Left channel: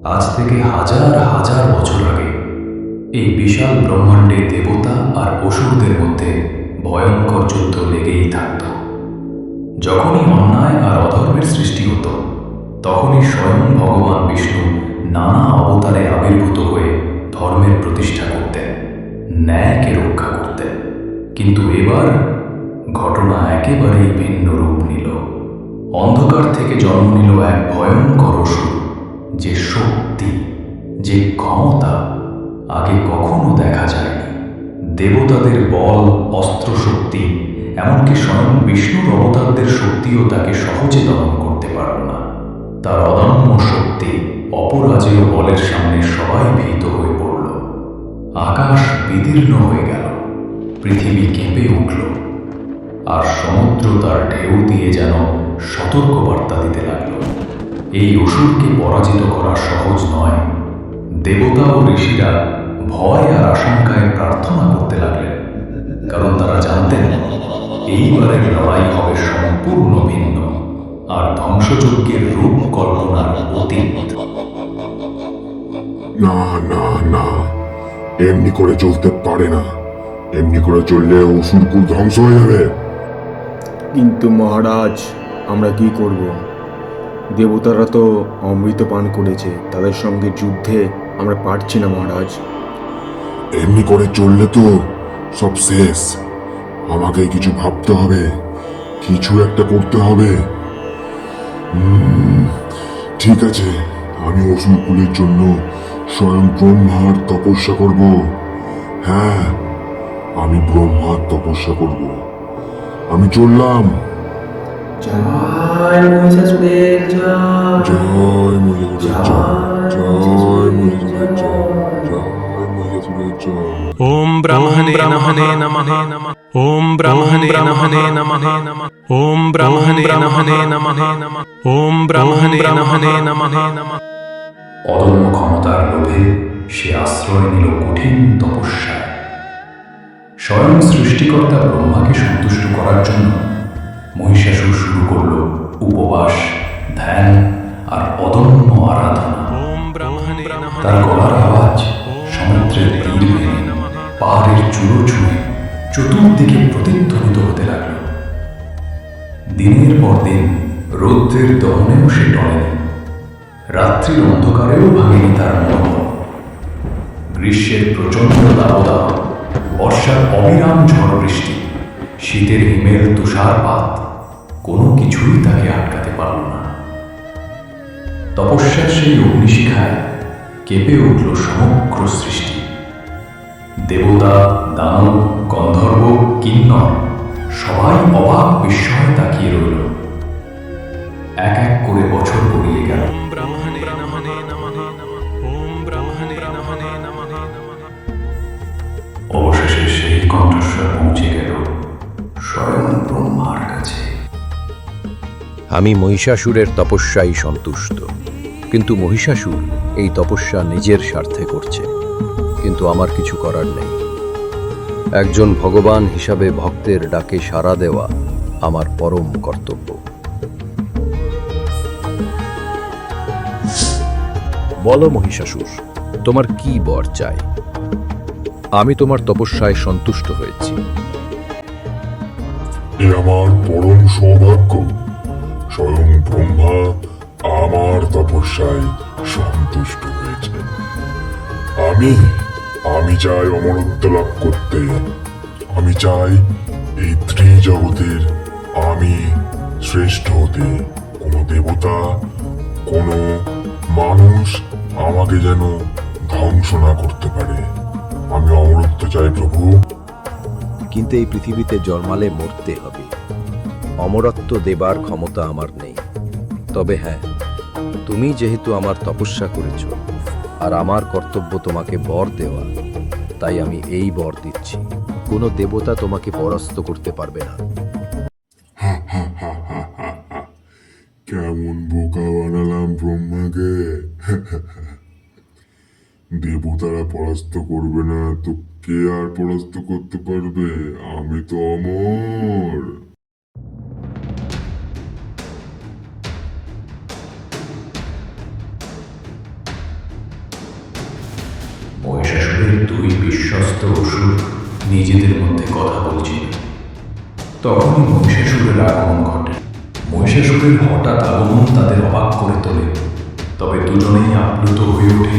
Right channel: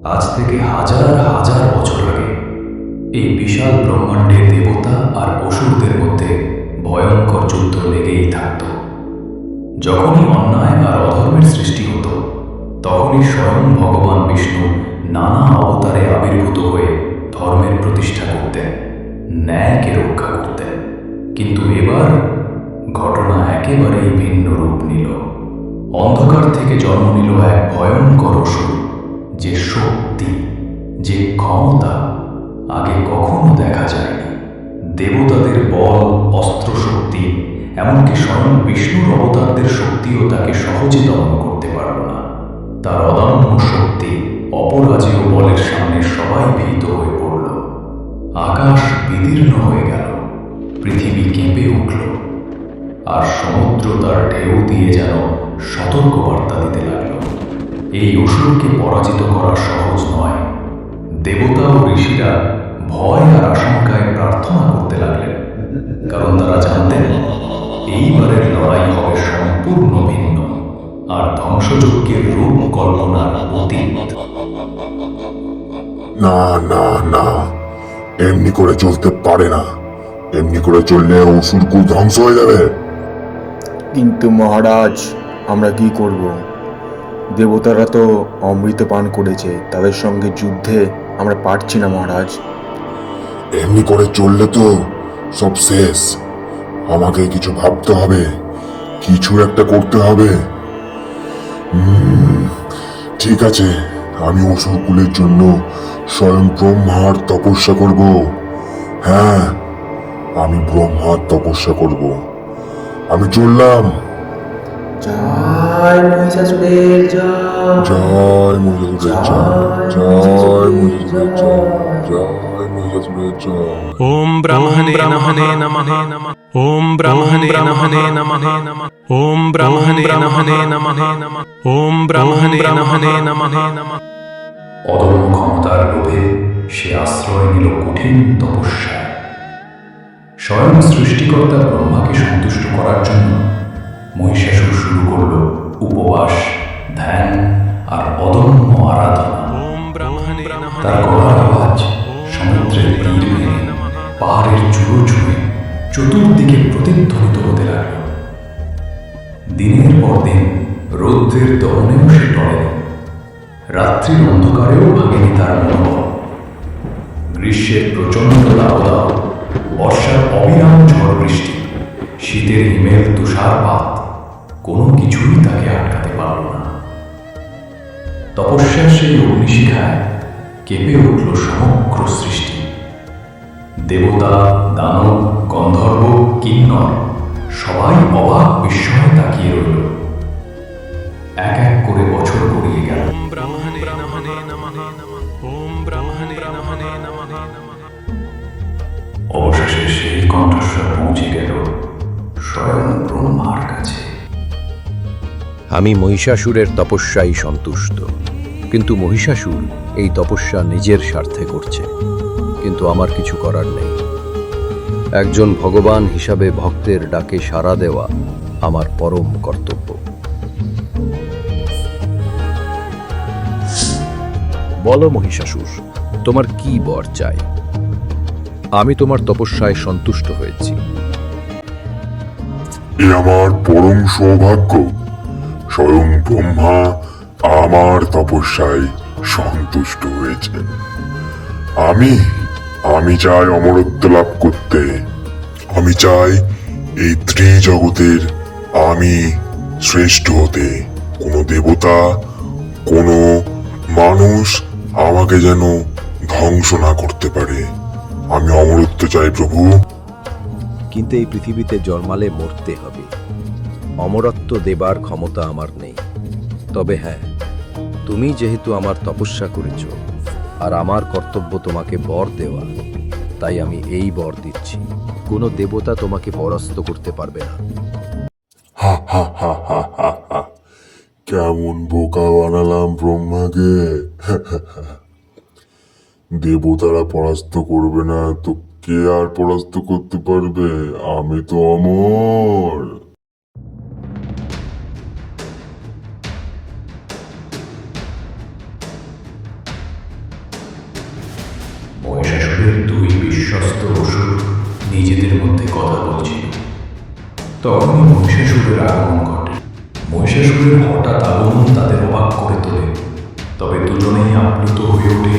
আজ থেকে হাজার হাজার বছর আগে এই বিশাল ব্রহ্মাণ্ডে দেবতা আর অসুরদের মধ্যে ভয়ঙ্কর যুদ্ধ লেগেই থাকত। যখনই অন্যায় আর অধর্মের সৃষ্টি হতো, তখনই স্বয়ং ভগবান বিষ্ণু নানা অবতারে আবির্ভূত হয়ে ধর্মের প্রতিষ্ঠা করতেন, ন্যায়কে রক্ষা করতেন। কিন্তু এবার ঘটনা একেবারেই ভিন্ন রূপ নিল। অন্ধকার থেকে জন্ম নিল এক ভয়ঙ্কর অসুর, যে শক্তি, যে ক্ষমতা আগে কখনো দেখা যায়নি। দেবতাদের বল, অস্ত্র শক্তি, এমনকি স্বয়ং বিষ্ণুর অবতারদের শক্তিও তাকে সহজে দমন করতে পারল না। তার অদম্য শক্তি, অপরাজেয় বলের সামনে সবাই ভীত হয়ে পড়ল। আকাশ বিদীর্ণ হয়ে গেল, পৃথিবী কেঁপে উঠল, আর সমুদ্র তার ঢেউ দিয়ে যেন সতর্কবার্তা দিতে লাগল। এই অসুরকে পরাজিত করা সহজ নয়। দেবতা ও ঋষিরা ভয় আর আশঙ্কায় প্রার্থনা করতে লাগলেন, কারণ তারা জানতেন এইবারের লড়াই হবে সম্পূর্ণ ভিন্ন আর ধ্বংসযজ্ঞের রূপ কল্পনার অতীত। না না না, এমনি করে চলতে পারে না। এমনি করে চললে অসুরকুল ধ্বংস হয়ে যাবে। কিন্তু মহারাজ, আমরা কি করব? দেবতারা তো অমৃত পান করেছে, তাদের সঙ্গে যুদ্ধে আমরা পারছি না মহারাজ। এমনি করে চললে তো সব শেষ। আমাকে কিছু ভাবতে হবে, কিছু একটা করতে হবে। ঠিক আছে, আমি অসুরকুলের জন্য স্বয়ং ব্রহ্মার তপস্যা করব। হ্যাঁ, আমি ব্রহ্মার তপস্যা করব। আমি চললাম। জয় মহিষাসুরের জয়। জয় মহিষাসুরের জয়, জয় মহিষাসুরের জয়, জয় মহিষাসুরের জয়। ओम ब्रह्मणे नमः ओम ब्रह्मणे नमः ओम ब्रह्मणे नमः ओम ब्रह्मणे नमः। অদম্য ক্ষমতার লোভে সে আশ্রয় নিল কঠিন তপস্যায়। স্বয়ং সৃষ্টিকর্তা ব্রহ্মাকে সন্তুষ্ট করার জন্য মহিষাসুর শুরু করল উপবাস, ধ্যান আর অদম্য আরাধনা। ओम ब्रह्मणे তার গলার আওয়াজ সমুদ্রের তীর ভেঙে পাহাড়ের চূড়ো ছুঁয়ে চতুর্দিকে প্রতিধ্বনিত হতে লাগল। দিনের পর দিন রৌদ্রের দহনেও সে টলেনি, রাত্রির অন্ধকারেও ভাঙেনি তার মনোবল। গ্রীষ্মের প্রচণ্ড দাবদাহ, বর্ষার অবিরাম ঝড় বৃষ্টি, শীতের হিমেল তুষারপাত, কোনো কিছুই তাকে আটকাতে পারল না। তপস্যার সেই অগ্নিশিখায় কেঁপে উঠল সমগ্র সৃষ্টি। দেবতা, দানব, গন্ধর্ব, কিন্নর সবাই অবাক বিস্ময়ে তাকিয়ে রইল। এক এক করে বছর গড়িয়ে গেল। ओम ब्रह्मणे नमः ओम ब्रह्मणे नमः। অবশেষে সেই কণ্ঠস্বর পৌঁছে গেল স্বয়ং ব্রহ্মার কাছে। আমি মহিষাসুরের তপস্যায় সন্তুষ্ট, কিন্তু মহিষাসুর এই তপস্যা নিজের স্বার্থে করছে, কিন্তু আমার কিছু করার নেই। একজন ভগবান হিসাবে ভক্তের ডাকে সাড়া দেওয়া আমার পরম কর্তব্য। বলো মহিষাসুর, তোমার কি বর চাই? আমি তোমার তপস্যায় সন্তুষ্ট হয়েছি। এ আমার পরম সৌভাগ্য। স্বয়ং ব্রহ্মা আমার তপস্যায় সন্তুষ্ট হয়েছে। আমি আমি চাই অমরত্ব লাভ করতে। আমি চাই এই ত্রিজগতের আমি শ্রেষ্ঠ হতে। কোনো দেবতা, কোনো মানুষ আমাকে যেন ধ্বংস না করতে পারে। আমি অমরত্ব চাই প্রভু। কিন্তু এই পৃথিবীতে জন্মালে মরতে হবে। অমরত্ব দেবার ক্ষমতা আমার নেই। তবে হ্যাঁ, তুমি যেহেতু আমার তপস্যা করেছ আর আমার কর্তব্য তোমাকে বর দেওয়া, তাই আমি এই বর দিচ্ছি, কোনো দেবতা তোমাকে পরাস্ত করতে পারবে না। হা হা হা হা হা হা। কেমন বোকা বানালাম ব্রহ্মাকে। দেবতারা পরাস্ত করবে না তো কে আর পরাস্ত করতে পারবে? আমি তো অমর। মহিষাসুরের দুই বিশ্বস্ত অসুর নিজেদের মধ্যে কথা বলছিল। তখনই মহিষাসুরের আগমন ঘটে। মহিষাসুরের হঠাৎ আগমন তাদের অবাক করে তোলে, তবে দুজনেই আপ্লুত হয়ে ওঠে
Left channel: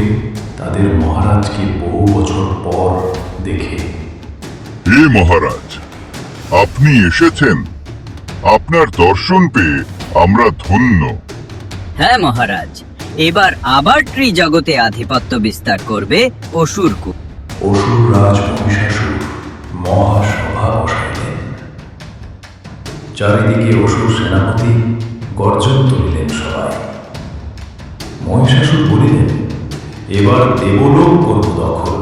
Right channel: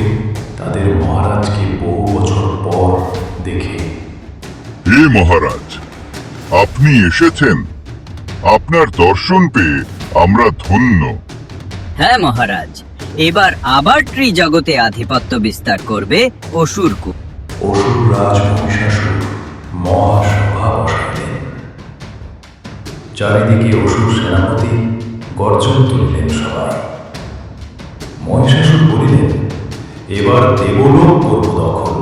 তাদের মহারাজকে বহু বছর পর দেখে। হে মহারাজ, আপনি এসেছেন। আপনার দর্শন পেয়ে আমরা ধন্য। হ্যাঁ মহারাজ, এবার আবার ত্রিজগতে আধিপত্য বিস্তার করবে অসুরকূপ। অসুর রাজ মহিষাসুর মহাসভা বসাইলেন। চারিদিকে অসুর সেনাপতি গর্জন তুলিলেন সবাই। মহিষাসুর বলিলেন, এবার দেবলোক করব দখল।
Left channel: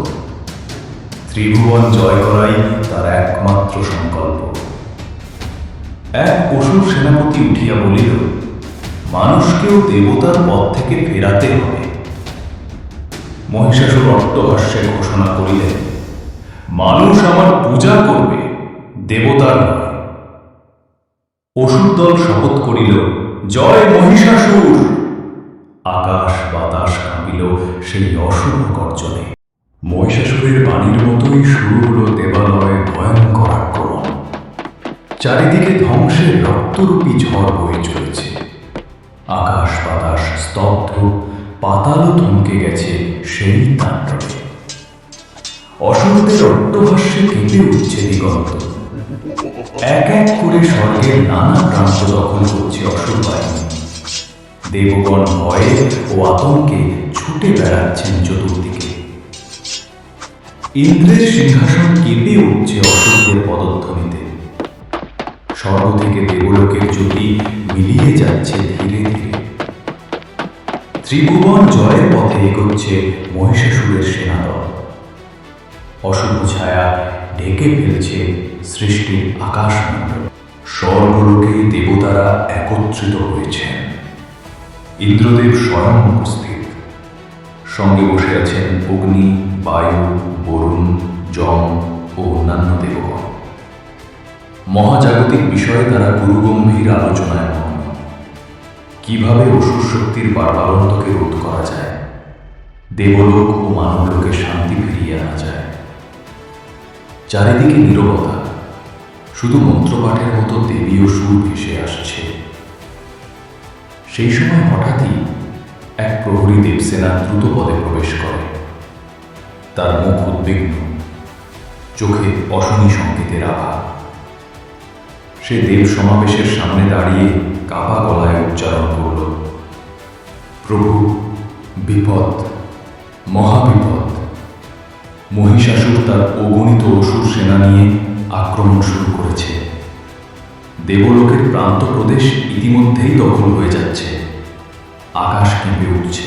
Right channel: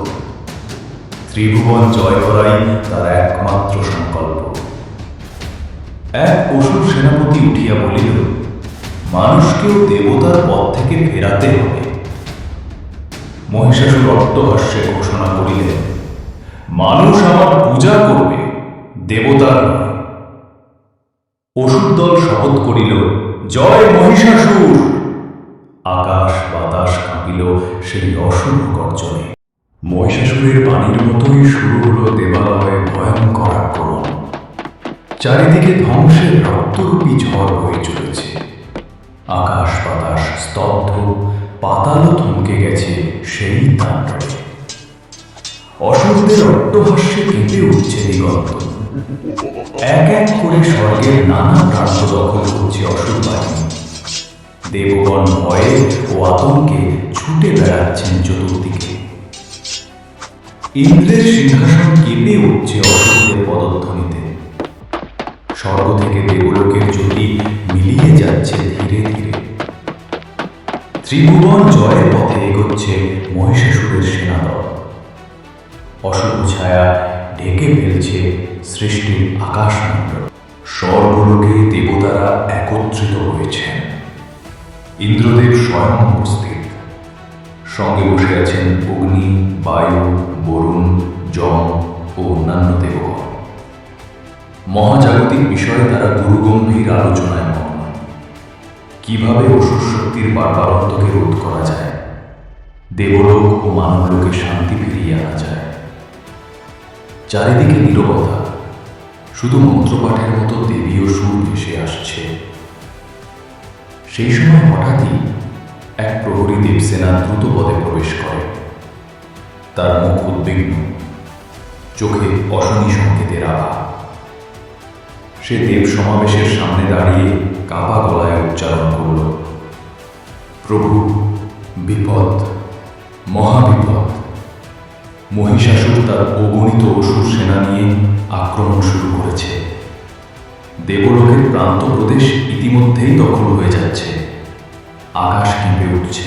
ত্রিভুবন জয় করাই তার একমাত্র সংকল্প। এক অসুর সেনাপতি উঠিয়া বলিল, মানুষকেও দেবতার পথ থেকে ফেরাতে হবে। মহিষাসুর অট্টহাস্যে ঘোষণা করিলেন, মানুষ আমার পূজা করবে, দেবতার নয়। অসুর দল শপথ করিল, জয় মহিষাসুর। আকাশ বাতাস কাঁপিল সেই অশুভ গর্জনে। মহিষাসুরের বাণীর মতোই শুরু হলো দেবালয়ে ভয়ঙ্কর আক্রমণ। চারিদিকে ধ্বংসের রক্তরূপী ঝড় বয়ে চলেছে। আকাশ বাতাস স্তব্ধ, পাতালও থমকে গেছে সেই তাণ্ডবে। অসুরদের অট্টহাস্যে কেঁপে উঠছে দিগন্ত। এক এক করে স্বর্গের নানা প্রান্ত দখল করছে অসুর বাহিনী। দেবগণ ভয়ে ও আতঙ্কে ছুটে বেড়াচ্ছেন চতুর্দিকে। ইন্দ্রের সিংহাসন কেঁপে উঠছে অসুরদের পদধ্বনিতে। স্বর্গ থেকে দেবলোকের জ্যোতি মিলিয়ে যাচ্ছে ধীরে ধীরে। ত্রিভুবন জয়ের পথে এগোচ্ছে মহিষাসুরের সেনাদল। অশুভ ছায়া ঢেকে ফেলছে সৃষ্টির আকাশমণ্ডল। স্বর্গলোকে দেবতারা একত্রিত হয়েছেন। ইন্দ্রদেব স্বয়ং উপস্থিত। সঙ্গে বসে আছেন অগ্নি, বায়ু, বরুণ, যম ও অন্যান্য দেবগণ। মহাজাগতিক বিষয়ে তারা গুরুগম্ভীর আলোচনায় মগ্ন। কিভাবে অসুর শক্তির বারবারন্তকে রোধ করা যায়, দেবলোক ও মানবলোকে শান্তি ফিরিয়ে আনা যায়। চারিদিকে নীরবতা, শুধু মন্ত্রপাঠের মতো দেবীয় সুর ভেসে আসছে। সেই সময় হঠাৎই এক প্রহরী দেবসেনা দ্রুত পদে প্রবেশ করে। তার মুখ উদ্বিগ্ন, চোখে অশনি সংকেতের আভা। সে দেব সমাবেশের সামনে দাঁড়িয়ে কাপা গলায় উচ্চারণ করল, প্রভু, বিপদ, মহাবিপদ। মহিষাসুর তার অগণিত অসুর সেনা নিয়ে আক্রমণ শুরু করেছে। দেবলোকের প্রান্ত প্রদেশ ইতিমধ্যেই দখল হয়ে যাচ্ছে। আকাশ কেঁপে উঠছে,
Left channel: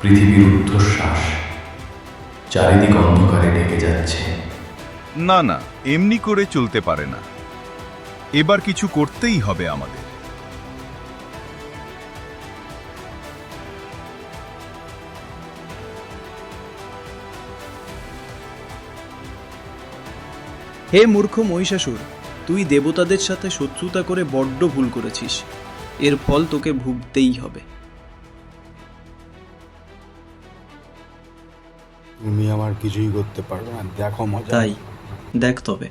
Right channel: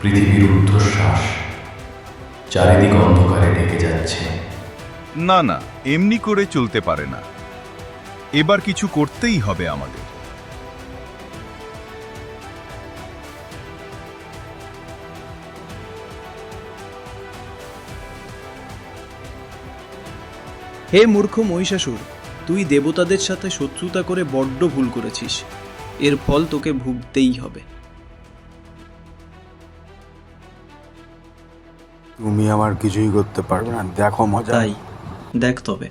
পৃথিবীর ঊর্ধ্বশ্বাস। চারিদিক অন্ধকারে ঢেকে যাচ্ছে। না না, এমনি করে চলতে পারে না। এবার কিছু করতেই হবে আমাদের। হে মূর্খ মহিষাসুর, তুই দেবতাদের সাথে শত্রুতা করে বড্ড ভুল করেছিস। এর ফল তোকে ভুগতেই হবে। তুমি আমার কিছুই করতে পারবে না, দেখো মজা। তাই দেখ তবে।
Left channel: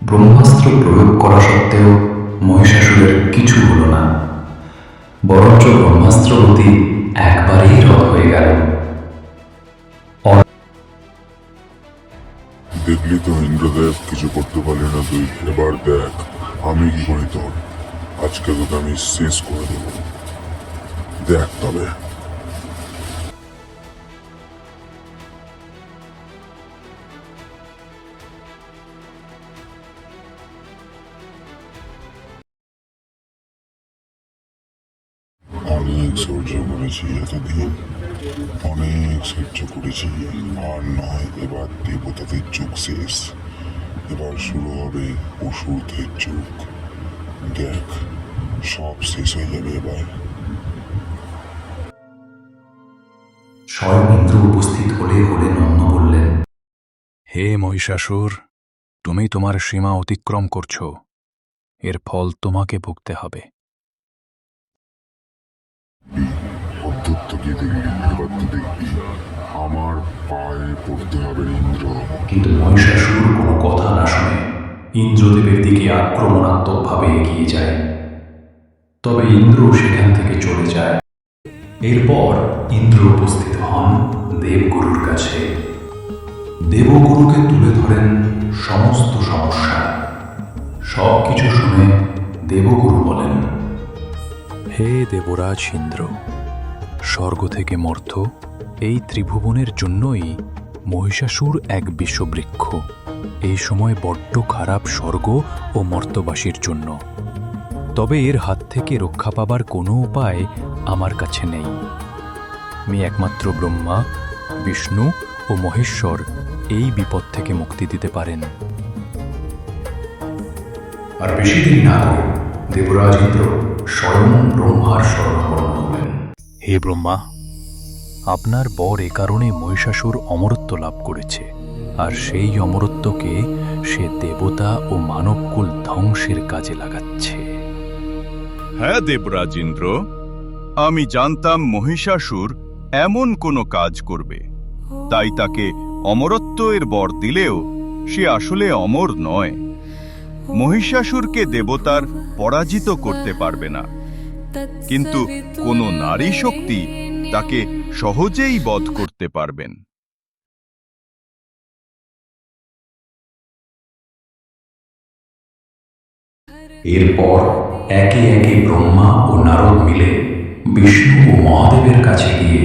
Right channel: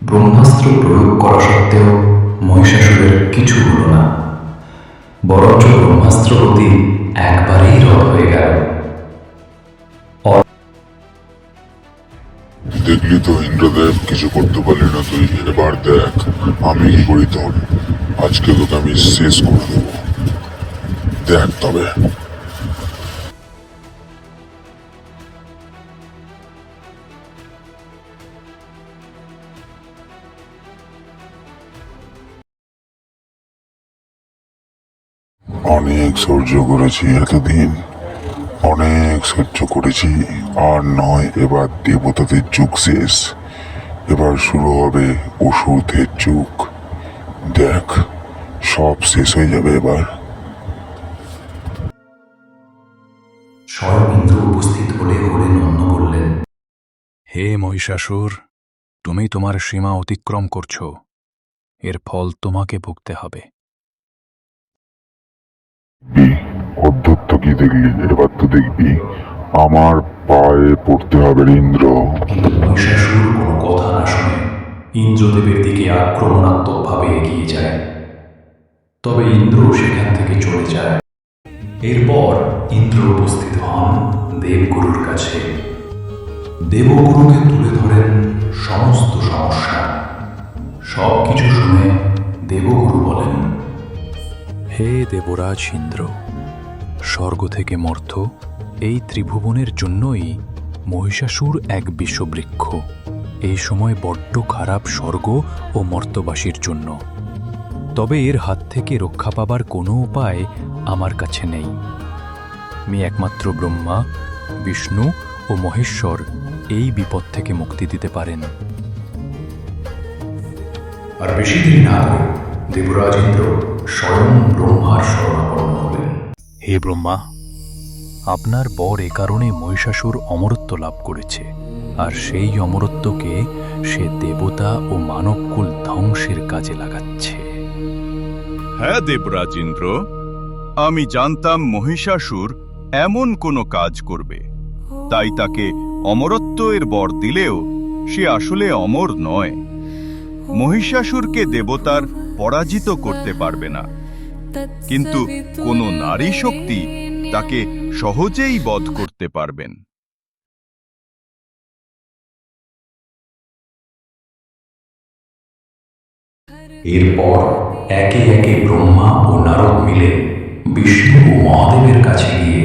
ব্রহ্মাস্ত্র প্রয়োগ করা সত্ত্বেও মহিষাসুরের কিছু হলো না, বরঞ্চ ব্রহ্মাস্ত্র গতি একবারেই রদ হয়ে গেল। দেখলি তো ইন্দ্রদেব, কিছু করতে পারলি না তুই। এবার দেখ আমি কি করি তোর। আজকে তোকে আমি শেষ করে দেব, দেখ তবে। অনেক সহ্য করেছি এতদিন, অনেক সহ্য করেছি। আর নয়, এবার দেবতাদের যুগ শেষ। এবার শুরু হবে অসুরদের যুগ। দেখ, সব শেষ হয়ে যাবে এবার। স্বয়ং ইন্দ্র উপস্থিত হলে নন্দ বললেন, হে মহিষাসুর, তুমি তোমার সীমা অতিক্রম করছো। এর ফল তোমাকে ভুগতে হবে। অধ্যত্ত কি দেখলি, এবার তো দেখবি আমার পায়ে পড়তে হবে রে ইন্দ্র। কিন্তু মহিষাসুর কোনো কথা না শুনে ইন্দ্রদেবের দিকে আক্রমণাত্মকভাবে এগিয়ে যায়। তবে ইন্দ্র সেখান থেকে চলে যায়। এরপর ইন্দ্র উপস্থিত হন দেবগুরুর কাছে। দেবগুরুকে তুলে ধরেন সমস্ত সমস্যা। সব কিছু শুনে দেবগুরু বলেন, হে দেবরাজ ইন্দ্র, স্বর্গ থেকে মর্ত্য এই ত্রিভুবনের জন্যই মহিষাসুর এক বিষবৃক্ষ। এই সময় বড্ড খারাপ স্বর্গ ও মর্ত্যবাসীর জন্য। তবে এর হাত থেকে রক্ষা পাবার কোনো উপায় আমার কাছে নেই। আমি একমাত্র ব্রহ্মা, বিষ্ণু ও মহেশ্বর এই বিপদ থেকে মুক্তি দিতে পারেন। আর বেশি দেরি না করে দেবরাজ ইন্দ্র স্বয়ং ব্রহ্মার শরণাপন্ন হলেন। হে ব্রহ্মা, আপনার বর এ কারণে মহিষাসুর অমরত্ব লাভ করেছে, আর সেই অমরত্বকে সে দেবতা ও মানবকুল ধ্বংসের কাজে লাগাচ্ছে। হ্যাঁ দেবরাজ ইন্দ্র, আমি জানতাম মহিষাসুর এমন কোনো কাজ করবে, তাই তাকে অমরত্ব এর বর দিলেও সে আসলে অমর নয়। মহিষাসুরকে দেবতার পরাজিত করতে পারবে না, কিন্তু কোনো নারী শক্তি তাকে সহজেই বধ করতে পারবেন। এরপর একে একে ব্রহ্মা ও নারদ মিলে বিষ্ণু ও মহাদেবের কাছে গিয়ে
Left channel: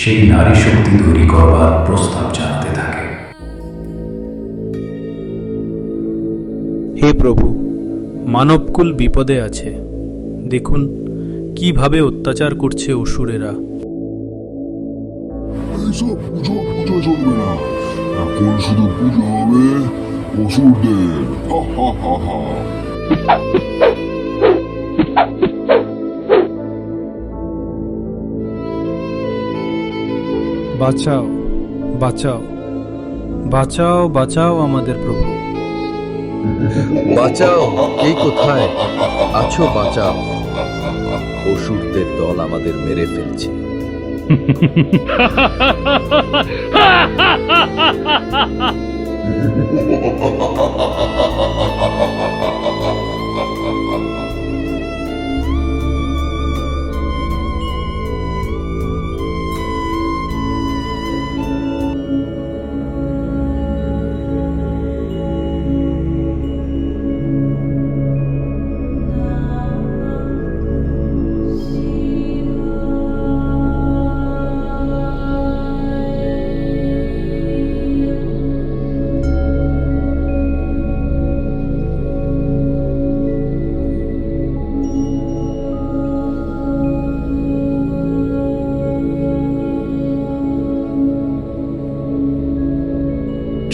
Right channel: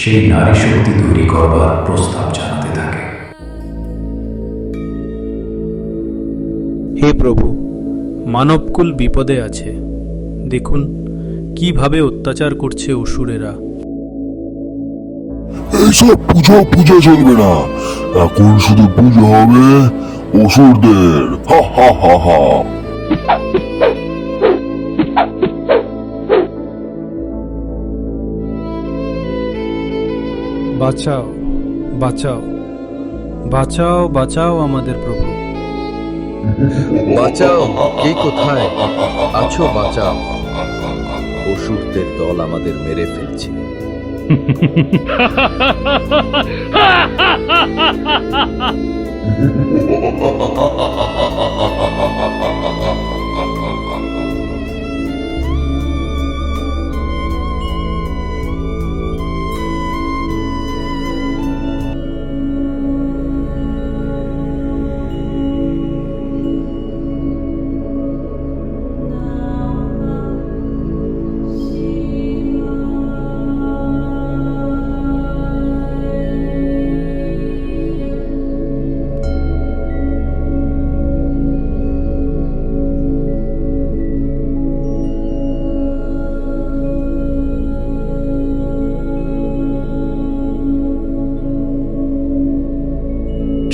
সেই নারী শক্তি তৈরি করবার প্রস্তাব জানাতে থাকে। হে প্রভু, মানবকুল বিপদে আছে। দেখুন কিভাবে অত্যাচার করছে অসুরেরা। এইসব পুজো পুজো চলবে না, এখন শুধু পুজো হবে অসুরদের। হা হা হা হা। বাঁচাও, বাঁচাও, বাঁচাও, বাঁচাও আমাদের প্রভু। বাঁচাও, কে কোথায় আছো? বাঁচাও, অসুরদের দল আমাদের মেরে ফেলছে।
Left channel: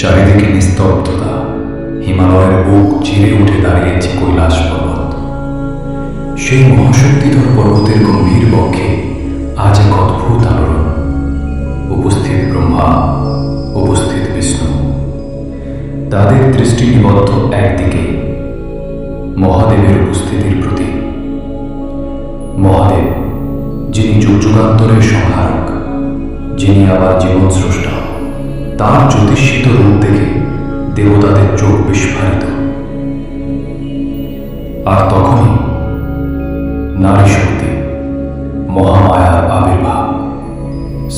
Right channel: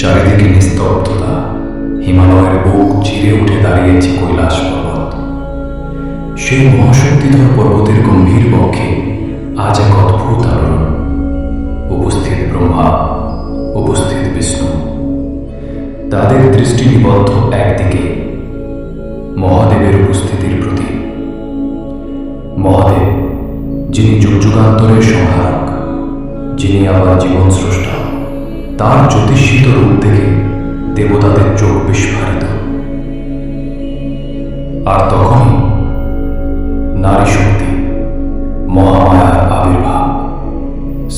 চারিদিকে নিস্তব্ধতা। হিমালয়ের বুক চিরে উঠে দাঁড়িয়েছে কৈলাস পর্বত। সেই মহাশক্তিধর পর্বতের গম্ভীর বক্ষে আজ এক অদ্ভুত আলোড়ন। উপস্থিত ব্রহ্মা, উপস্থিত বিষ্ণু, তাদের দৃষ্টি নিবদ্ধ একদিকে মহাদেবের উপস্থিতির প্রতি। মহাদেব, যিনি যুগযুগান্তরের সংহারক, যিনি আবার জীবন স্রষ্টা, তার জ্যোতিষিত রূপ দেখে দেবতাদের চোখ বিস্ফারিত। আর তখনই নারী শক্তি, মহামায়ার আবির্ভাব,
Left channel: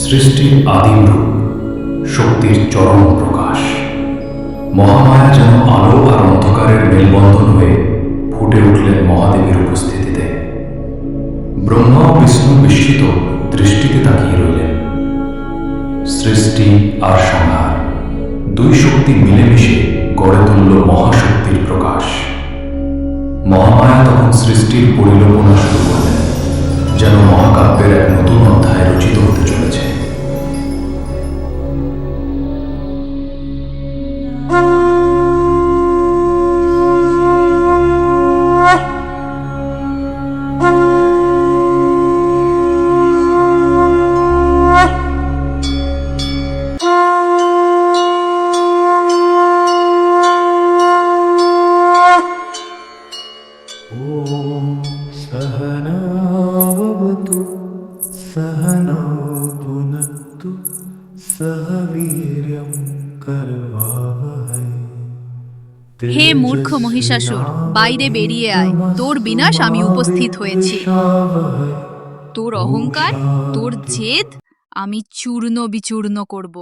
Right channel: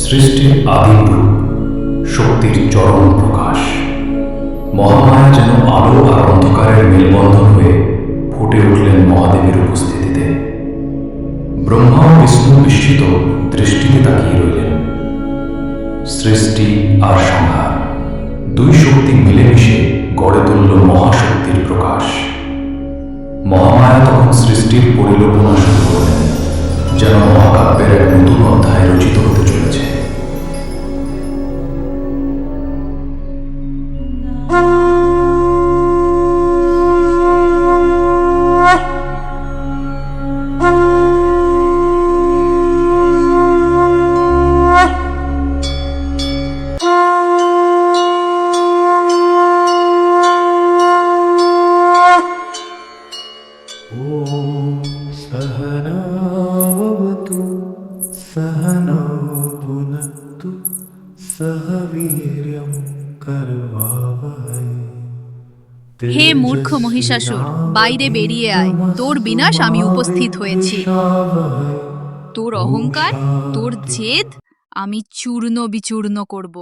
সৃষ্টির আদিম রূপ, শক্তির চরম প্রকাশ। মহামায়া যেন আলো আর অন্ধকারের মেলবন্ধন হয়ে ফুটে উঠলেন মহাদেবের উপস্থিতিতে। ব্রহ্মা ও বিষ্ণু বিস্মিত দৃষ্টিতে তাকিয়ে রইলেন। সৃষ্টি আর সংহার, দুই শক্তি মিলেমিশে গড়ে তুলল মহাশক্তির প্রকাশ। মহামায়া তখন সৃষ্টির পরিকল্পনা শুরু করলেন, যেন মহাকাব্যের এক নতুন অধ্যায় রচিত হতে চলেছে। सहनौ भुनक्तु सह वीर्यं करवावहै। হে মূর্খ মহিষাসুর, বাইরে বেরিয়ে আয়, তোর বিনাশ আমি উপস্থিত হয়েছি। তোর অহংকার, তোর জেদ আমি চূর্ণ বিচূর্ণ করব।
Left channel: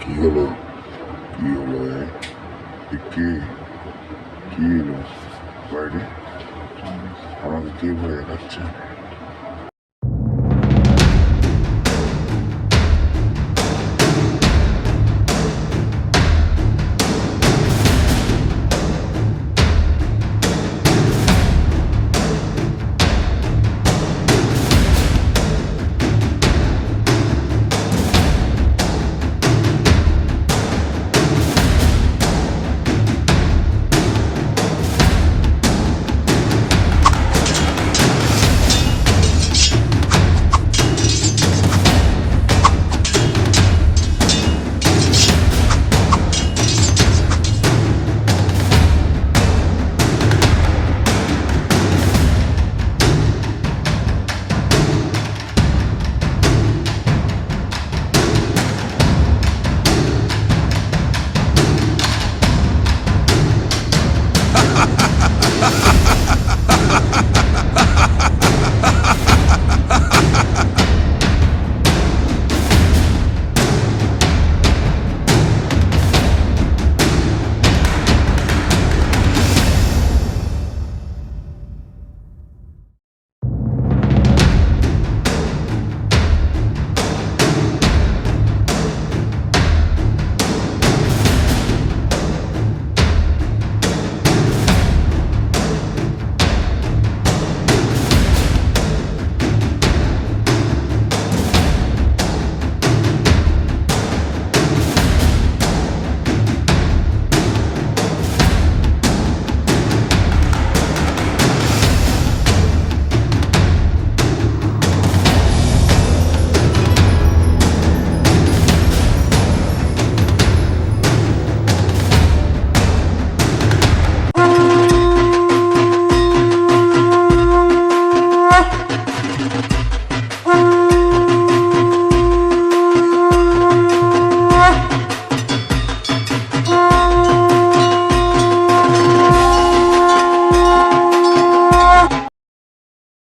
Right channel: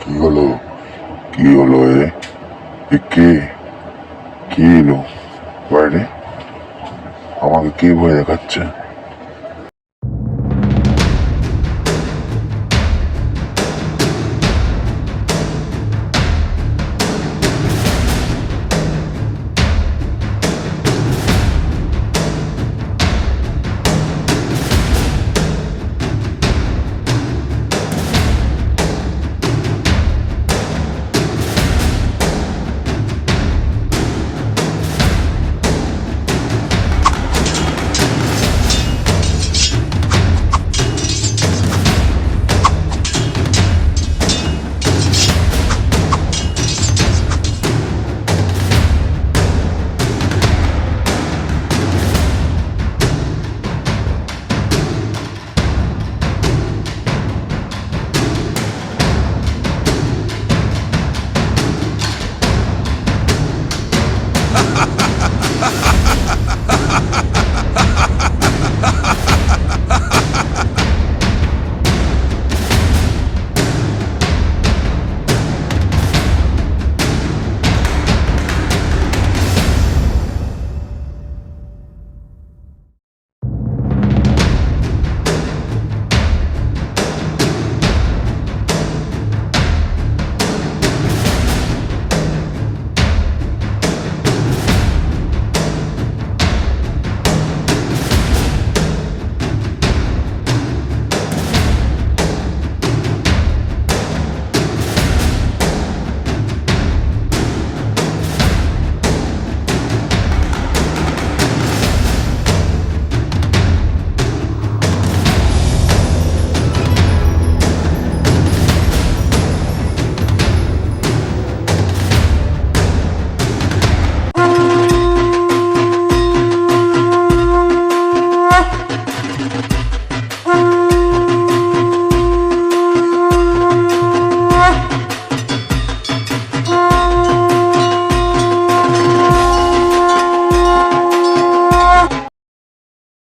কি হলো? কি হলো? কে কে এলো বাইরে? আমাকে কে ভয় দেখাচ্ছে?